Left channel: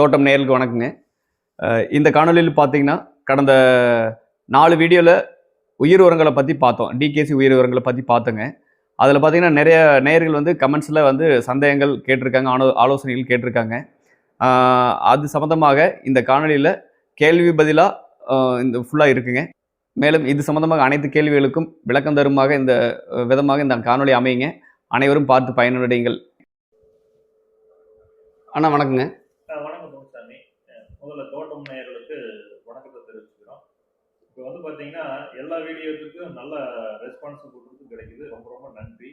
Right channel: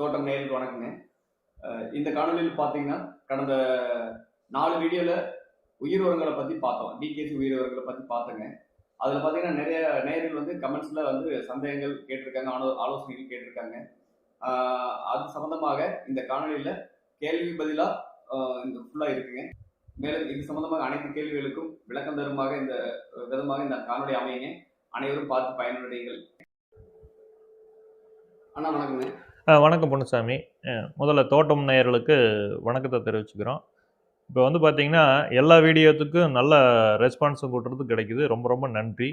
தோட்டம் நேர்களுக்கு வணக்கங்க. இந்த காணொலியில் பார்த்தீங்கன்னா கடந்த நாலு வீடியோவில் உயிர் உரங்களை பற்றி பார்த்தோம். டிகேசி உயிர் உரங்களை பற்றி பார்த்தோங்க. அதில் பார்த்தீங்கன்னா நிறைய நேயர்கள் வந்து கமெண்ட்ஸில் வந்து சந்தேகங்கள் கேட்டிருக்காங்க ஆலோ ஆலோசனைகள் கேட்டிருக்காங்க. அது சம்மந்தமாக இந்த காணொலியில் கேள்வி பதிலாக இந்த ஃபுல்லாக இருக்குங்க. மேலும் இது சம்மந்தமாக அனைத்து கேள்விகளுக்கும் விளக்கம் தருமாக இந்த விதமாக இந்த காணொலி அமையுங்க. அனைவரும் பார்த்து பயனடையுங்கள். அண்ணா வணக்கங்க. வணக்கம் பொன்னுசாமி முதல்ல தோட்டம் நேயர்களுக்கு வணக்கத்தை தெரிவிச்சுக்கிறோம். இப்போ வந்து பார்த்திங்கன்னா எல்லா வீடியோத்துக்கும் நல்ல ரெஸ்பான்ஸும் கொடுறது கிடைக்குது. ரொம்ப ரொம்ப நன்றி.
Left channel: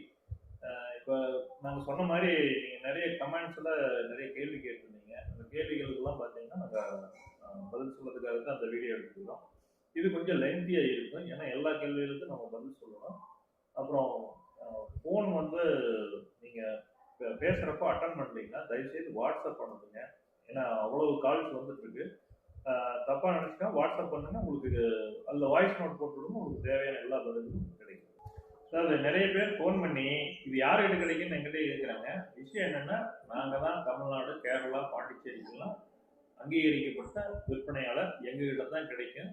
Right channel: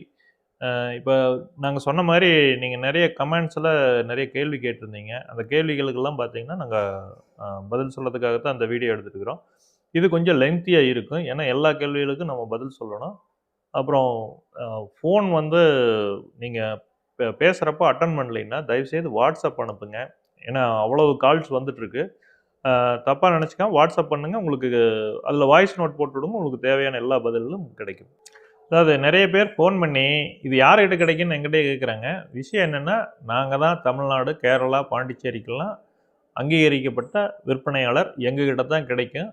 இப்போ நாங்கள் சொன்ன மாதிரி நீங்கள் நிறைய கமெண்ட்ஸில் நிறைய கேள்வி கேட்டிருந்தீங்க. அந்த கேள்விகளுக்கெல்லாம் பார்த்தீங்கன்னா நாங்கள் பதில் சொல்கிறதுக்காக தான் அந்த வீடியோ எடுத்துருக்குறோம் இது கொஞ்சம் லென்த்தியாக இருக்கும். ஏன்னா எல்லா கேள்விகளுக்கும் நம்ம பதில் சொல்லணும். அப்புறம் ஃபோன் வந்து நீங்கள் பே பேசுகிறப்போ அட்டன் பண்ணலைன்னா தயவுசெய்து வாட்ஸ்அப் அனுப்புங்க. ஏன்னா அவ்வளவு கால்ஸ் வந்துட்டுருக்கு. தப்பாக நினச்சிக்கா வாட்ஸ்அப் பண்ணுங்கள் உங்களுக்கு அதில் வாய்ஸ் நோட் போட்டு விடுங்க உங்களுக்கு தேவையான எல்லா பதிலும் கிடைக்கும். அதாவது நிறைய பேர் ஃபோன் பண்ணி இது யார்கிட்ட கிடைக்குன்னு எங்கிட்டே கேட்குறாங்க. விஷயம் என்னென்னா நாங்கள் தான் தமிழ்நாடு கேரளா பாண்டிச்சேரிக்கெல்லாம் அங்கீகரிக்கப்பட்ட விற்பனையாளர். எங்ககிட்ட தான் கிடைக்கும்.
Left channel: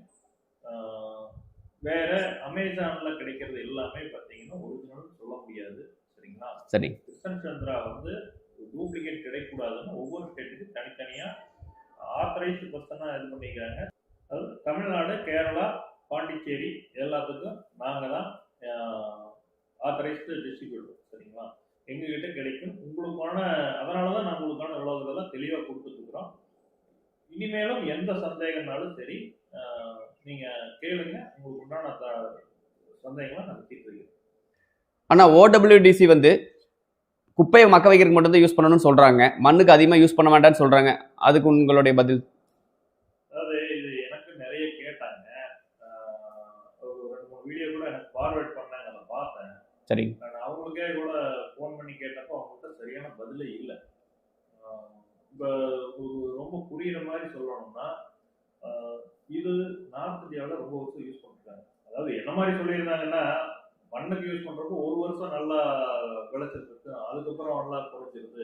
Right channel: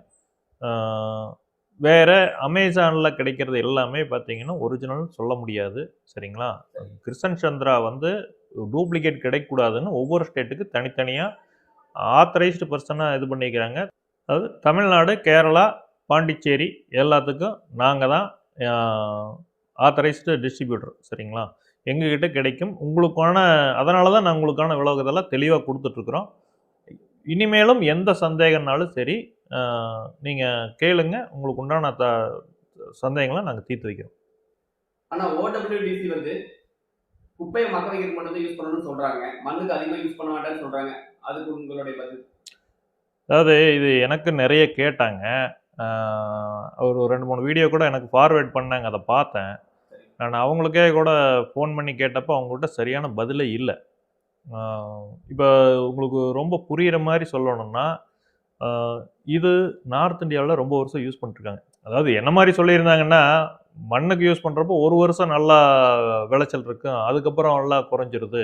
வேற அமேசானில் கிடைக்கிறது எல்லாமே பார்த்தீங்கன்னா ஒரிஜினல் சொல்ல முடியாது. சரிங்களா? சரி. கிருஷ்ணன் சந்திரா வந்து டூப்ளிகேட் கிடைக்கக்கூடாதுன்னு ஒவ்வொரு ஸ்டேட்டுக்கு தனித்தனியாக ஆத்தரைஸ்டு பர்சனாக இது பண்ணிக்கிறாங்க. அதாவது தமிழ்நாடு கேரளா பாண்டிச்சேரி எல்லாத்துக்கும் நாங்கள் தான் ஆத்தரைஸ்டு டிஸ்ட்ரிபியூட்டர் சரிங்களா? எங்ககிட்ட கிடைக்கும். உங்களுக்கான அதனால தான் நான் உங்களுக்கான விலகுதெல்லாம் தெளிவாக கொடுத்துட்ருக்குறோம் இனிமேலும் எந்த சந்தேகம்னாலும் சரி நீங்கள் கேளுங்க. உங்களுக்கு உண்டான த சந்தேகங்களை நாங்கள் தீர்த்து வைக்கிறோம். ஆனால் ஓடபிள்யூடிசி வந்து குப்பையை மக்க வைக்கிறதுக்கு மட்டும்தான் யூஸ் பண்ணணும்னு சொல்கிறாங்க மண்ணுக்கு அதிகமாக யூஸ் பண்ண வேண்டாம்னு சொல்கிறாங்க அதுக்கு உங்களுடைய பதில்? அதாவது இது எனக்கு நிறைய கேட்டாங்க. ஒரு ரெண்டு மூணு வீடியோ கூட எனக்கு ஃபார்வேர்ட் பண்ணாங்க. அதை பார்த்தேன். சரி. நான் அவங்களுக்கே கூட ஃபோன் பண்ணி கேட்டப்போ அவங்கள்ட்ட சரியான பதிலே இல்லை. இப்போ உங்களுக்கு ரொம்ப புரிகிற மாதிரி சொல்லணும்னா இது நார்த் இந்தியாவில் ரொம்ப வருஷம் யூஸ் பண்ணிட்டுருக்காங்க. அதாவது என்ன மாதிரி சொல்லியிருந்தாங்கன்னா மண்ணுக்கு யூஸ் பண்ணுறப்போ ஒரு வருஷம் நல்லா விளைச்சல் இருக்கும் அதுக்கப்புறம் நல்லா குறைஞ்சிருது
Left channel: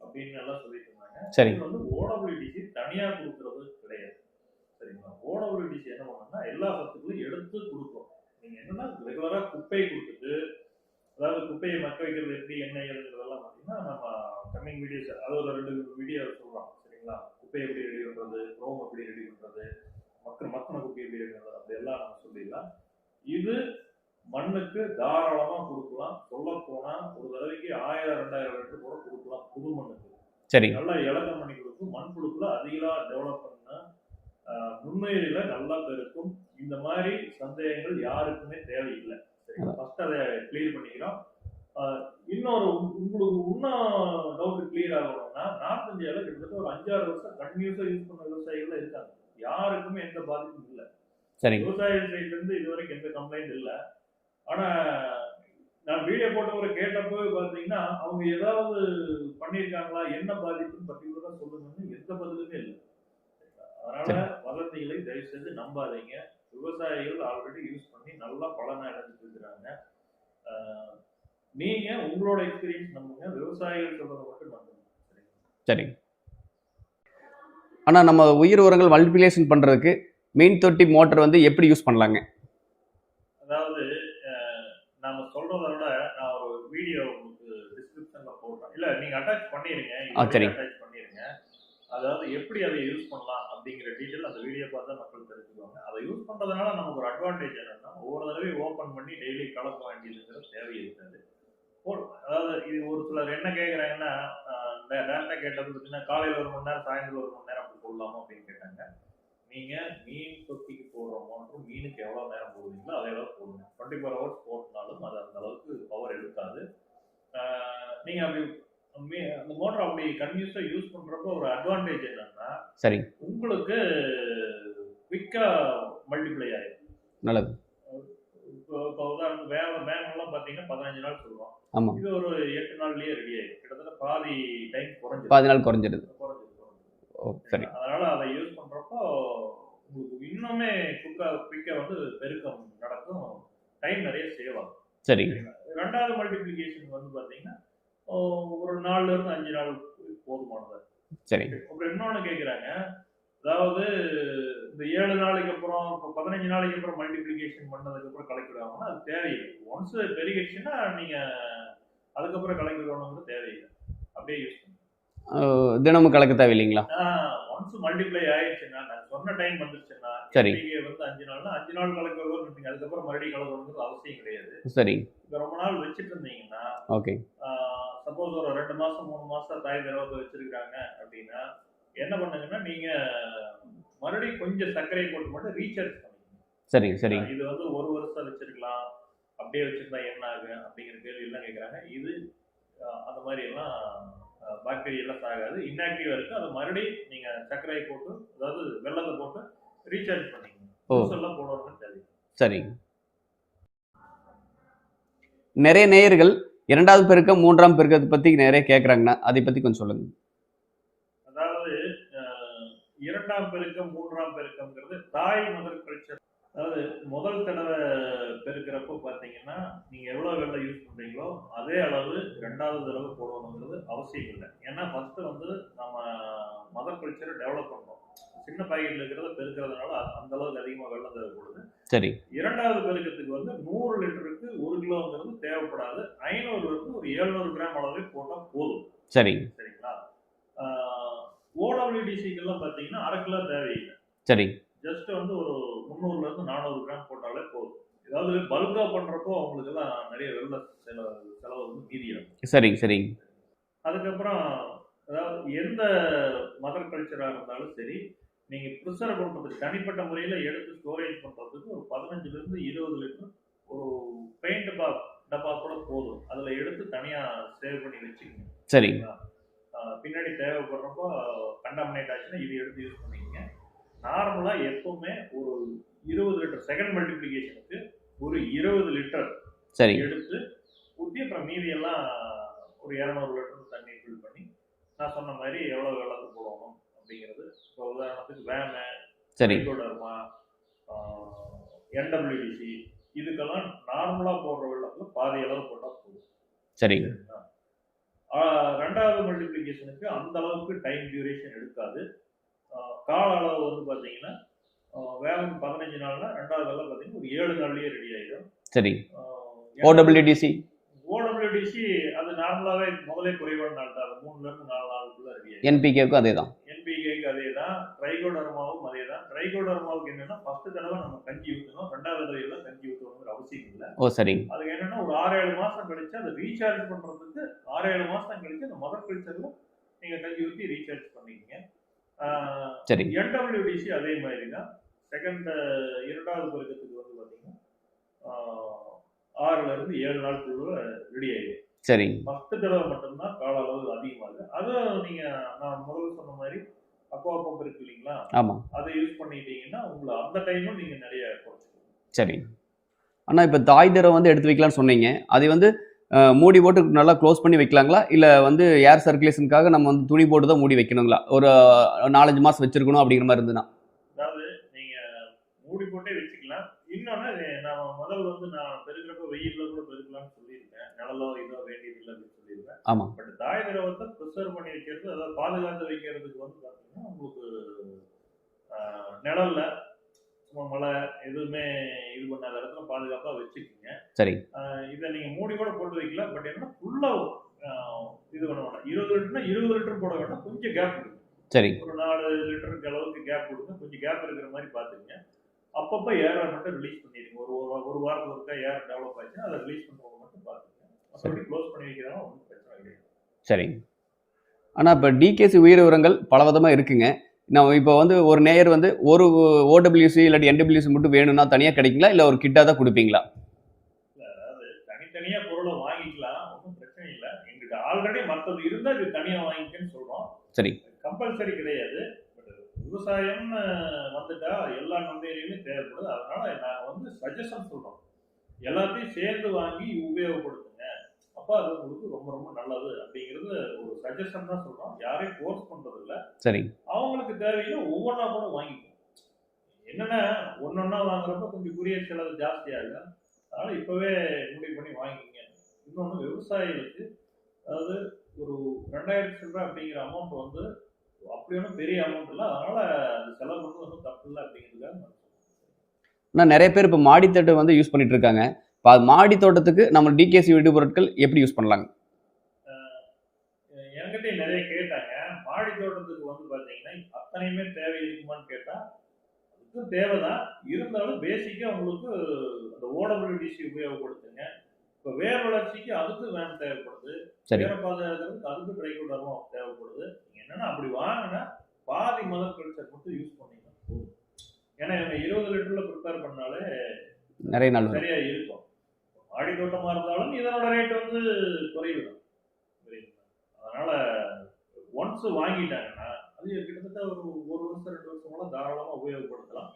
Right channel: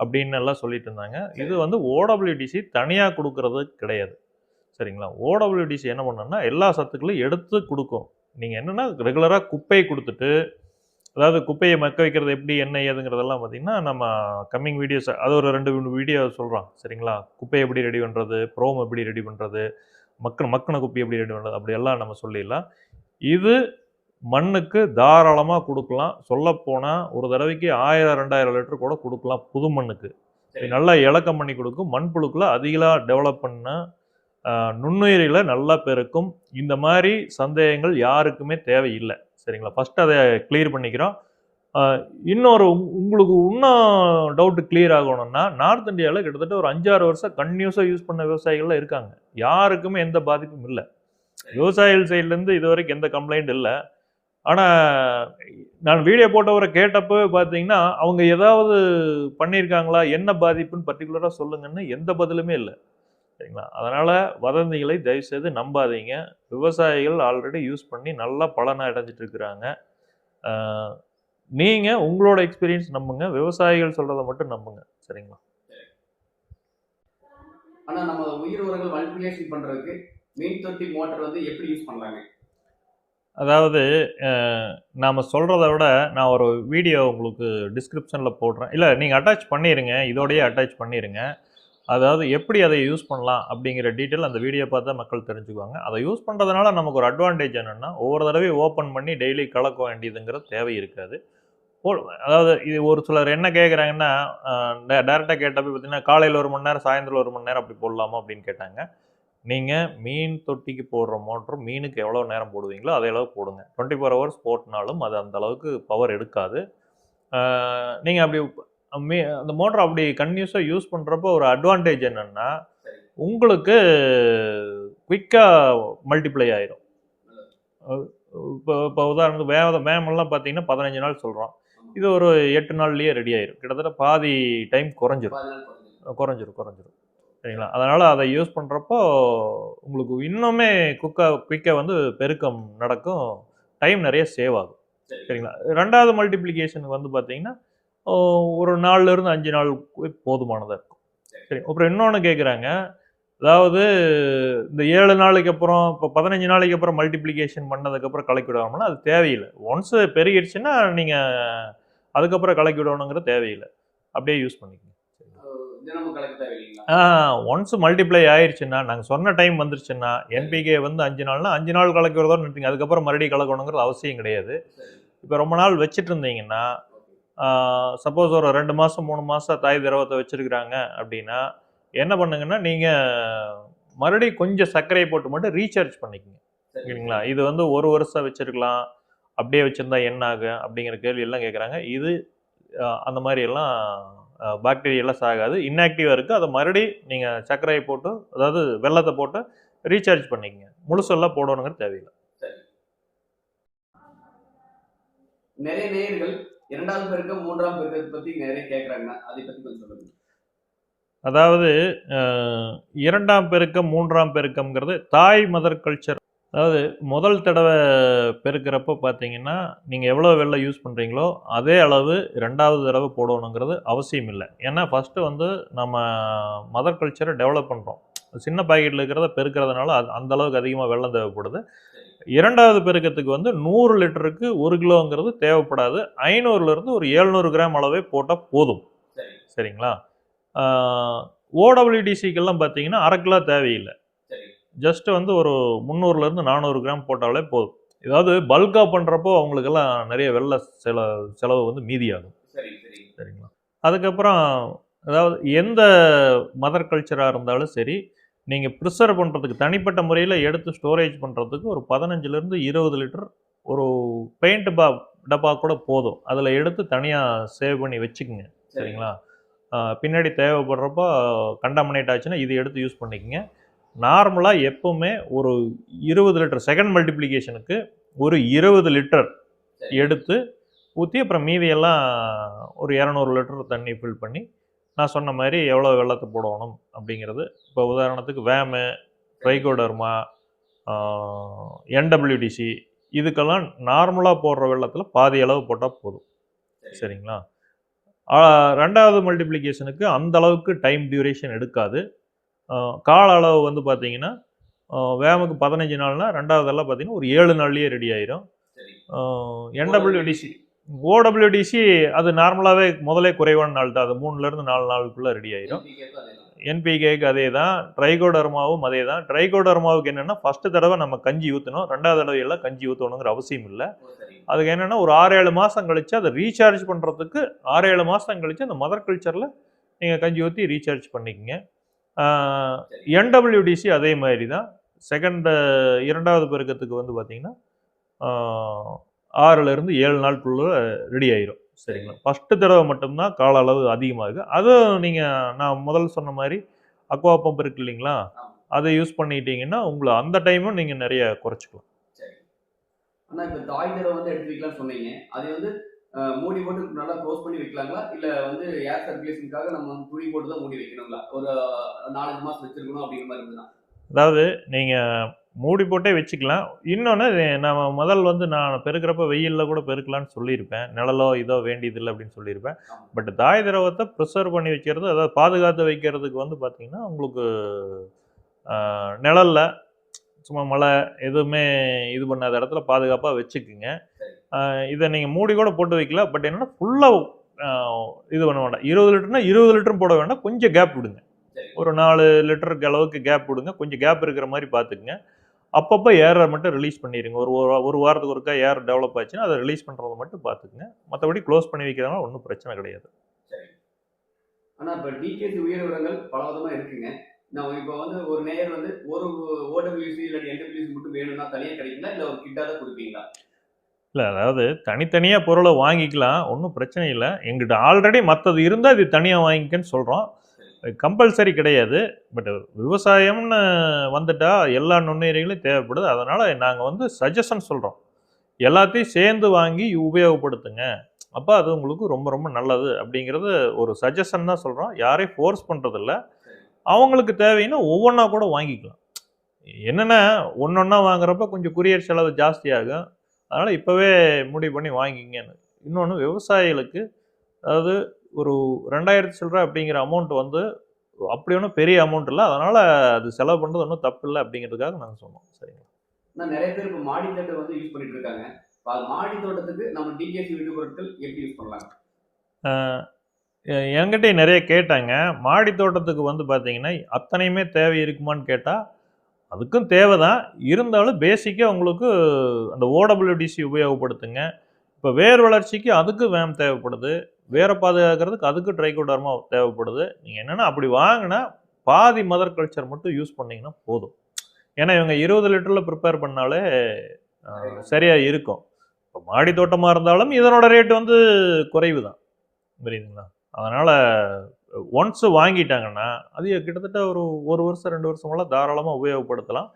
அப்படின்னு எல்லாம் சொல்லிட்டு இருந்தாங்க. இது வந்து ஓடபிள்யூடிசி தனியாக கொடுக்கறது கிடையாது. சரிங்களா? ஓடபிள்யூடிசி என்ன பண்ணோம்னா எல்லா சத்துக்களையும் எடுத்து கொடுக்கும். நீங்கள் என்னென்னா ரெகுலராக குப்பையை கொடுத்துட்டு அதாவது குப்பையை மக்க வைக்கிறது எப்படி என்ன ஏதுங்கிறதெல்லாம் பார்த்தீங்கன்னா நம்ம கம்மிங் வீடியோஸ் அது ஒரு ரெண்டு வீடியோ சொல்கிறோம் சரிங்களா? குப்பை எப்படி ரெடி பண்ணுறது ப்ரோம் எப்படி ரெடி பண்ணுறது மக்கள் மக்கின குப்பை எப்படி ரெடி பண்ணுறது அப்படியெல்லாம் நம்ம சொல்லிடலாம். இது மண்ணுக்கு தாராளமாக கொடுக்கலாம். சொல்லப்போனால் ஒரு தடவைக்கு ஆயிரம் ரெண்டாயிரம் லிட்டர் கூட கொடுக்கலாம் புது மண்ணுக்கு. சரி. நல்லா இலக்கம் பண்ணி கொடுக்கும். மண்புழுக்களை அதிகமாக டெவலப் பண்ண நுண்ணுயிரிகளை நல்லா பெருக்கும். இந்த மாதிரி சந்தேகங்கள் யாருக்குமே தேவையில்லை. சரிங்களா? ஃபர்ஸ்ட் அதை கிளியர் பண்ணிக்கிறோம். இன்னொரு உங்- உங்களுக்கு இன்னும் டவுட் கிளியர் ஆகணும்னா நார்த் இந்தியாவில் கிட்டத்தட்ட ஒரு அஞ்சாறு வருஷம் கன்யூஸாக யூஸ் பண்ண விவசாயிகள்லாம் இருக்காங்க. யாருக்குமே எந்த பாதிப்பும் இல்லை. சரி விவசாயிகள் சைட்லேருந்து இது வரைக்கும் எந்த கம்ப்ளைண்ட் இல்லை. ஆனால் நான் வீடியோ போட்டவரை கேட்டப்போ பார்த்தீங்கன்னா அவங்க ஏதாவது பண்ணியிருக்காங்களா என்ன பாதிப்புன்னு பர்டிகுலராக சொல்லுங்கன்னு எந்த பதிலுமே இல்லை. சரிங்களா? அதனால் வதந்திகளை தயவுசெய்து நம்பாதீங்க. விவசாயிகள் ஆல்ரெடி யூஸ் பண்ணி நல்லா பலனை அடைஞ்சிட்டு இருக்கிறாங்க நீங்கள் உங்களோட எக்ஸ்பீரியன்ஸ் நம்புங்க. விவசாயிகள் சொல்கிறத மட்டும் நம்புங்க. சரிங்களா? சரி ஆனால் நம்ம உயிர் உரங்கள் மல்டிபிளேஷன் பண்ணுறதுக்கு மீன் தொட்டி மோட்டர் வந்து எப்படி யூஸ் பண்ணலாங்க? அதாவது நாம் சொல்கிறத விட நான் ஒரு வீடியோ உங்களுக்கு டிஸ்கிரிப்ஷனில் போடுறேன். இல்லை நீங்கள் அட்டாச் பண்ணிடுங்க இதோடய. அட்டாச் பண்ணிடுங்க அதாவது எப்படி அதை யூஸ் பண்ணலாம் அப்படிங்கிற டீட்டெயில் அந்த வீடியோ பார்த்தா மக்கள் தெரிஞ்சுக்குவாங்க. அதை யூஸ் பண்ணுறதுனால நமக்கு ஒரு அட்வான்டேஜ் என்னென்னா ஒவ்வொரு தடவையும் ஓப்பன் பண்ணி டெய்லி கலக்க வேண்டியதுங்கிற தேவை இருக்காது. அதாவது இது ஒரு சிலர் என்ன கேட்குறாங்கன்னா டேரெக்டாக கேட்டப்போ பார்த்தீங்கன்னா காலையில் ஒரு மணி நேரம் சாயந்தரம் ஒரு மணி நேரம் அப்படி போடலாமா அப்படின்னு கேட்டாங்க. நீங்கள் மீன் தொட்டிக்கு போடுற மோட்ரு மீனுக்கு எவ்வளோ நேரம் போடுவீங்களோ அதே அளவு போடுங்க. டுவெண்ட்டி ஃபோர் ஹவர்ஸ் போட்டினாலும் அது அந்த அளவுக்கு பவர் எடுக்காது. நீங்கள் அப்படி அந்த மோட்டர் அப்படி கன்யூஸாக யூஸ் பண்ணுறப்போ ஒரு அட்வான்டேஜ் என்னென்னா சரி. உங்களுக்கு குயிக்காக மல்டிப்ளை ஆயிரும். நல்லது. இப்போ இப்போ உதாரணத்துக்கு வே வேமெல்லாம் பார்த்தீங்கன்னா பதினஞ்சு நாள் சொல்கிறோம் இது ஒரு எட்டு நாள்லயே ரெடி ஆயிரும். கிட்டத்தட்ட பாதி டைம் குறைஞ்சிரும். பாதி நாள் குறைஞ்சிடுது குறைஞ்சிரும் குறைஞ்சிரும். ஓ, சரி. சரிங்களா? அதனால அதை யூஸ் பண்றப்போ உங்களுக்கு இன்னுமே குக்கா குயிக்காக வந்து பெருக்கம் நடக்கும். டைம் நிறைய சேவ் ஆகும். சரி. சரிங்களா? ரெண்டாவது மல்டிப்ளிகேஷனுக்கு வந்து பார்த்தீங்கன்னா ஒரு நாலுல இருந்து அஞ்சு நாள் போதுமானதாக இருக்கும். சரி. சரி அப்புறம் இன்னொன்று கேட்குறாங்க அதாவது இந்த ஏழு நாளைக்கு அப்புறம் இப்போ பதினஞ்சு நாளைக்கு அப்புறம் மல்டிப்ளிகேஷன் பண்ணதுக்கப்புறம் கலக்கி விடாமனா அது தேவையில்லை. ஒன்ஸ் பெருகிடுச்சுன்னா நீங்கள் அதுக்கப்புறம் கலக்கி விடணுங்கிறது தேவையில்லை. அப்படியே யூஸ் பண்ணிக்கோங்க அஹ், தினமும் கலக்க தேவையில்லைங்களா? ஒன்ஸ் மல்டிப்ளை ஆயிடுச்சுன்னா நாங்கள் சொன்ன டைம் வந்துருச்சுன்னா சரி. என்பிகே வந்து அஞ்சு நாள்னா அஞ்சு நாள் கலக்கி விடுறதோட நிறுத்திங்க. அதுக்கப்புறம் மறுபடியும் கலக்கணுங்கிறது அவசியம் கிடையாது. சரி. இப்போ ரொம்ப நாள் வச்சுட்டு இருந்தீங்கன்னா ஓகே. சப்போஸ் ஒரு ரெண்டு மாதம் மூணு மாதம் தாய் திரவத்தை வச்சுருக்குறாங்க அப்படின்னா என்ன பண்ணுங்கன்னா நீங்கள் மறுபடியும் கொஞ்சம் சர்க்கரையை போட்டு மட்டும் ரீசார்ஜ் பண்ணிக்கோங்க. சரி சரி. இது வந்து ஒரு வருஷம் வச்சிருக்கலாம். அப்படியே வச்சிருந்தா என்ன ஆகும் அப்படிங்கிற கேள்வி எல்லாம் கேட்குறாங்க இது அந்த மாதிரி எல்லாம் பாக்டீரியா எல்லாம் சாகாது. இன்ஆக்டிவாக இருக்குது அதை மறுபடியும் நீங்கள் சர்க்கரையை போட்டு அதாவது வெள்ளத்தை போட்டு ரீசார்ஜ் பண்ணிக்கங்க. முழுசெல்லாம் போடணுங்கிறது தேவையில்லை. சரி. நிறைய நேயர்கள் இரண்டாவது பெருக்கம் மூன்றாம் பெருக்கத்தை பத்தி நிறைய கேட்குறாங்கண்ணா அதை பத்தி கொஞ்சம் சொல்லுங்க. அதாவது இரண்டாம் பெருக்கம் மூன்றாம் பெருக்கம்ங்கிறது தாய் மதர் கல்ச்சர் அதாவது முதல் தடவை பெருக்கிறப்போ பார்த்தீங்கன்னா நீங்கள் எவ்வளோ வெள்ளை யூஸ் பண்ணுறீங்களோ அதே அளவு ரெண்டாவது தடவை போடணுங்கிறது அவசியம் இல்லை. ஏன்னா ஃபஸ்ட்டு வந்து நம்ம மதர் கல்ச்சரை டெவலப் பண்ணுறோம் சின்ன பாக்கெட்டில் இருக்கிறத பெருக்கிறதுனால அது அந்த அளவுக்கு அதிகமாக வெள்ளம் தேவைப்படுது. சரி. இரண்டாவது பெருக்கத்துக்கு வந்து நூறு லிட்டருக்கு ஒரு கிலோங்கிறது தேவைப்படாது. ஐநூறுலேருந்து ஒரு எழுநூறு கிராம் அளவே போட்டால் போதும். சரி. சரிங்களா? ஓடபிள்யூடிசிக்கெல்லாம் பார்த்தீங்கன்னா அரை கிலோ தேவையில்லை. சரி. ஜஸ்ட் வந்து ஒரு முந்நூறுலேருந்து நானூறு கிராம் போட்டாலே போதும். ஏதாவது பல்காக பண்ணுறப்போ அவங்களுக்கெல்லாம் நிறைய வெள்ள செல செலவு வந்து மீதியாகும். சரி சரி. சரிங்களா? அதுக்கப்புறம் அதாவது எந்த மதர் கல்ச்சராக இருந்தாலும் சரி நீங்கள் ப்ரிசர்வ் பண்ணுறதுக்கு தனிப்பட்ட முறையில் எடுத்து ஸ்டோரேஜ் பண்ணுறதுக்கு ஒரு பதினஞ்சுலேருந்து இருபது லிட்டர் ஒரு பெயிண்ட் பா டப்பா கூட போதும். அதில் எடுத்து தனியாக சேவ் பண்ணி வச்சுக்கோங்க. சரி. சரிங்களா? பின்னாடி தேவைப்படுறப்போ கண்டாமினேட் ஆச்சுன்னா இது எடுத்து யூஸ் பண்ணிக்கங்க. நார்மலாக எப்பவுமே ஒரு இருபது லிட்டர் செகண்ட் மல்டிப்ளிகேஷனுக்கு ஒரு இருபது லிட்டர் சரி. எடுத்து ஊற்றி அப்புறம் மீதியெல்லாம் ஒரு இரநூறு லிட்டர் தண்ணி ஃபில் பண்ணி நான் சொன்ன மாதிரி எவ்வளோ வெள்ளத்தை போடணும் அப்படிங்கிறது. இப்போ உதாரணத்துக்கு வேமு சரி. ட்ரைகோடர்மா என்டபிள்யூடிசி இதுக்கெல்லாம் நார்மலாக போடுற வெள்ளத்தில் பாதி அளவு போட்டால் போதும். சரி சரிங்களா? ரெண்டாவது மல்டிப்ளிகேஷனுக்கு அந்த அளவுக்கு டைம் டியூரேஷன் எடுக்காது. கால அளவு வந்து பார்த்தீங்கன்னா வேமுக்கு பதினஞ்சு நாள்னா ரெண்டாவதெல்லாம் பார்த்தீங்கன்னா ஒரு ஏழு நாள்லயே ரெடி ஆயிரும். சரி. ஓடபிள்யூ ஓடபிள்யூடிசி ஓடபிள்யூடிசி அது நார்மலாகவே முதலே குறைவான நாள் தான். அது மூணுல இருந்து நாலு நாளுக்குள்ள ரெடி ஆயிரும். என்பிகேக்கும் அதே தான். என்பிகேக்கு அதே தான். ட்ரைகோடர்மாவும் அதே தான். ட்ரைகோடர்மாவுக்கு என்னன்னா ஃபர்ஸ்ட் தடவை நம்ம கஞ்சி ஊற்றணும் ரெண்டாவது தடவை எல்லாம் கஞ்சி ஊற்றணுங்கிற அவசியம் இல்லை. ஓ சரி. அதுக்கு என்னன்னா ஒரு ஆறு ஏழு மாதம் கழிச்சு அதை ரீசார்ஜ் பண்ணுறதுக்கு ஆறு ஏழு மாதம் கழிச்சு அந்த மதர் கல்ச்சரில் நீங்கள் கஞ்சி ஊற்றி ரீசார்ஜ் பண்ணிக்கங்க. சரி. என்டபிள்யூடிசி அதே மாதிரி தான் செகண்ட் இரண்டாவது பெருக்கத்துக்கு வந்து பார்த்தீங்கன்னா ஆறுலேருந்து ஏழு நாளுக்குள்ள ரெடி ஆயிரும். சரி. ஃபஸ்ட்டு தடவை மட்டும்தான் கால அளவு அதிகமாகுது அதுவும் நீங்கள் நான் முதல்ல சொன்ன மாதிரி அக்வா பம்ப் இருக்கு இல்லைங்களா? ஆமா. அதை யூஸ் பண்ணிட்டீங்கன்னா உங்களை அந்த டைமும் நீங்கள் நிறைய குறைச்சிக்கலாம். சரி. அண்ணா இப்போ தாய் தரம் வந்து எடுத்து வைக்கலாம்னு சொன்னீங்க. அதை வந்து மூடி போட்டு நல்லா க்ளோஸ் பண்ணி வைக்கலாங்களா? இல்லை வந்து ஏர் சர்க்குலேஷனுக்காக நம்ம வந்து துணி போட்டு தான் மூடி வைக்கணுங்களா? ஒரு நாலஞ்சு மாதம் வச்சிருக்கணும் அப்படிங்கிற மாதிரி இருந்துன்னா அதாவது நீங்கள் மூடி போட்டே வச்சுக்கலாம். இன்னொன்று நம்ம முதல் வந்து நான் பெருக்கிறப்ப வெயிலில் கூட பெருக்கலாம்னு சொல்லியிருப்பேன். நிழலோ இதோ வேண்டியதில்லை அப்படின்னு சொல்லியிருப்பேன். ஆமாம் பட் தாய் திரவத்தை ப்ரிசர்வ் பண்ணி வைக்கிறது அதாவது பாதுகாத்து வைக்கிறதுக்கு வந்து பார்த்தீங்கன்னா உங்களுக்கு நிழல்ல சும்மா மழை எதுவுமே இது பண்ணாத இடத்துல பாதுகாப்பாக வச்சுக்குங்க. சரி. இதை நீங்கள் மூடி கூட போட்டு வைக்கலாம் பட் என்னன்னா ஃபுல்லாக இது பண்ண வேண்டாம். இருபது லிட்டர்னா இருபது லிட்டரும் போட வேண்டாம். கொஞ்சம் கேப் விடுங்க. சரி. ஒரு நாலு லிட்டருக்கு அளவுக்கு கேப் விடுங்க. கொஞ்சம் கேப் இருக்கிற மாதிரி பார்த்துக்குங்க அப்பப்போ ஏரை மட்டும் ரிலீஸ் பண்ணிடுங்க. ஒரு ஒரு- வாரத்துக்கு ஒருக்கா ஏர் டெவலப் ஆச்சுன்னா அதை ரிலீஸ் பண்ணுறத மட்டும் பார்த்துக்குங்க மற்றபடி க்ளோஸ் பண்ணி வைக்கிறதுனால ஒன்றும் பிரச்சனை கிடையாது. சரி. ஆனால் இப்போ டிகேசி உயிர் உரங்கள் பலவிதமாக இருக்குங்க. நான் இப்போ வந்து ஒரு நேயர் வந்து ஒரு ஓடபிள்யூசி இல்லாட்டி என்டபிள்யூசி மட்டும் வேணும்னா தனியாக கிடைக்குங்களா? இல்லை ஒரு கிட்டாக தான் கொடுப்பீங்களா? இல்லை அதாவது தனித்தனியாக பொருளை வாங்கிக்கலாம். ஒன்றும் பிரச்சனை இல்லை. எங்கிட்ட ஆல்ரெடி மற்றது இருந்தால் இது தனியாக வாங்கிக்கன்னு சொல்கிறோம் சரி. கம்பல்சரி கிடையாது. பட் விவசாயம்னு வந்துட்டா எல்லா நுண்ணுயிரிகளும் தேவைப்படுது. அதனால் நாங்கள் வந்து சஜஷன் சொல்கிறோம் எல்லாத்தையும் சேர்ந்து வாங்கி உபயோகப்படுத்துங்க. அப்போ அது உங்களுக்கு ரொம்ப ரொம்ப நல்லது அப்படிங்கிறது ஒரு சஜஷன் தான் சொல்கிறோம் யாரையும் ஃபோர்ஸ் பண்ணுறதில்ல சரி. அவங்களுக்கு தேவைன்னா ஒவ்வொன்றா கூட வாங்கிக்கலாம். என்னென்னா ஒன்றொன்னா வாங்குறப்ப கொஞ்சம் குரியர் செலவு ஜாஸ்தியாகும். அதனால் இப்போவே முடிவு பண்ணி வாங்கிங்கன்னு. இன்னொன்று விவசாயிகளுக்கு அதாவது ஒரு ரெண்டாயிரத்தி சில்லற அப்படிங்கிற அமௌண்ட் வந்து அப்படி ஒன்றும் பெரிய அமௌண்ட் இல்லை. அதனால் அது செலவு பண்ணுறது ஒன்றும் தப்பு இல்லை அப்படிங்கிறதுக்காக நாங்கள் சொன்னோம் சரிங்களா? ஆனால் நிறைய பேர் இப்போ மாடித்தோட்டம் வந்து யூஸ் பண்ணிட்டு இருக்காங்க. இப்போ மாடி தோட்டத்துக்கு நம்ம டிகேசி வீடு பொருட்கள் எப்படி யூஸ் பண்ணலாங்க? என்கிட்ட நிறைய கேட்டாங்க. மாடி தோட்டத்துக்கு வந்து பார்த்தீங்கன்னா அத்தனையுமே தேவை இருக்குமான்னு கேட்டால் அதுக்கும் தேவை தான் இருந்தாலும் பேசிக்காக உங்களுக்கு அந்த ஓடபிள்யூடிசி உபயோகப்படுத்துங்க. இப்போ வேர் வளர்ச்சிக்கு அதுக்கு வேம் தேவைப்படுது. வேரை பாதுகாக்கிறதுக்கு அதுக்கு ட்ரைகோடர்மா தேவைப்படுது. நீங்கள் என்னென்னா அப்படி வாங்கினா பாதி மதர் கல்ச்சர் மட்டும் யூஸ் பண்ணீங்கன்னா போதும். ஏன்னா இவங்க இருபது லிட்டரில் ப்ரிப்பேர் பண்ணாலே நிறைய நாள் சரியா இருக்கும். இப்போ மாடி தோட்டமாக இருந்தாலும் இதனோட ரேட் வந்து குறைவு தான் புரியுதுங்களா? அதனால் ஒன்ஸ் வாங்கிட்டாங்கன்னா அது கிட்டத்தட்ட ஒரு ஒரு வருஷம் ரெண்டு வருஷமெல்லாம் தாராளமாக உபயோகப்படுத்தலாம்.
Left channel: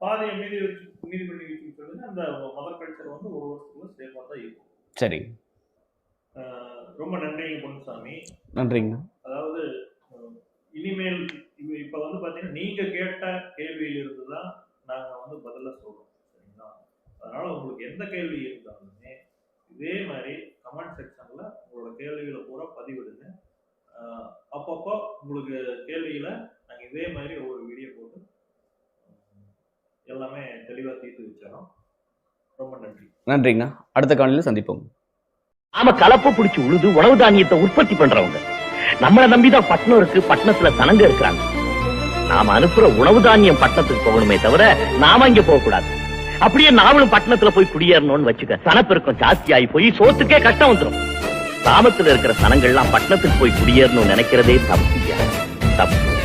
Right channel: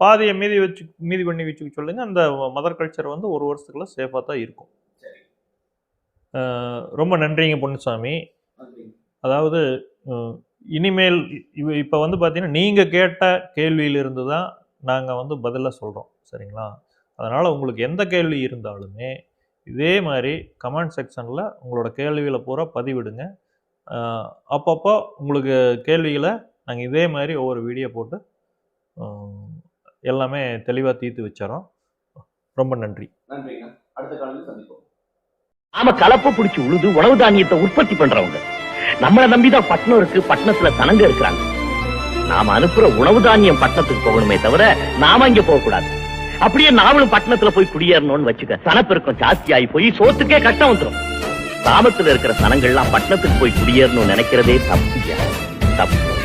பாதியை மீதி வச்சு மீதி பண்ணி வச்சுக்க சொல்லுங்க. அந்த மதர் கல்ச்சர் வந்து ஒரு வருஷத்துக்குள்ள சேஃபாக தான் இருக்கும். சரி. ரொம்ப நன்றிங்க பொன்னுசாமி. நன்றிங்கண்ணா அதாவது இனிமேல் இப்போ வந்து பார்த்தீங்கன்னா நீங்கள் கேட்ட கேள்வியிலிருந்து தான் நாங்கள் வந்து பதிலாக சொல்கிறோம் சரிங்களா? அதனால் உங்களுக்கு எந்த கேள்வி இருந்தாலுமே இதே மாதிரி கமெண்ட் செக்ஷனில் உங்களோட கேள்விகளை பூரா பதிவிடுங்க. அப்பப்போ உங்களுக்கு கேள்விகளை நாங்கள் இதே மாதிரி ஒவ்வொரு வீடியோ போட்டு எல்லாமே தெளிவாக தீர்த்து வச்சிடறோம் ரொம்ப நன்றி. நன்றிங்கண்ணா. அடுத்த காணொலியில் சந்திப்போம். நாம கலப்ப புடிச்சு உழுது உணவு தானியத்தை உற்பத்தி பண்றவங்க. நம்மள நம்பிதான் பட்டணம் இருக்கு பட்டணத்துல சனங்க இருக்கிறாங்க. நாம அனுப்புற உணவு தானியம் பட்டணத்துக்கு போகணுமே தவிர நாம இங்க போக கூடாது அப்படியே நாமளும் பட்டணத்துல போய் குடியேறணும்னு வச்சுக்க. சனப்பெருக்கம் ஜாஸ்தி ஆகி போய் சோத்துக்கே கஷ்டம் வந்துரும். கிராமத்துல இருக்கிற சனங்கள்லாம் பட்டணத்துக்கு போய் குடியேறணும்னு நினைக்கிறதே தப்பு தப்பு.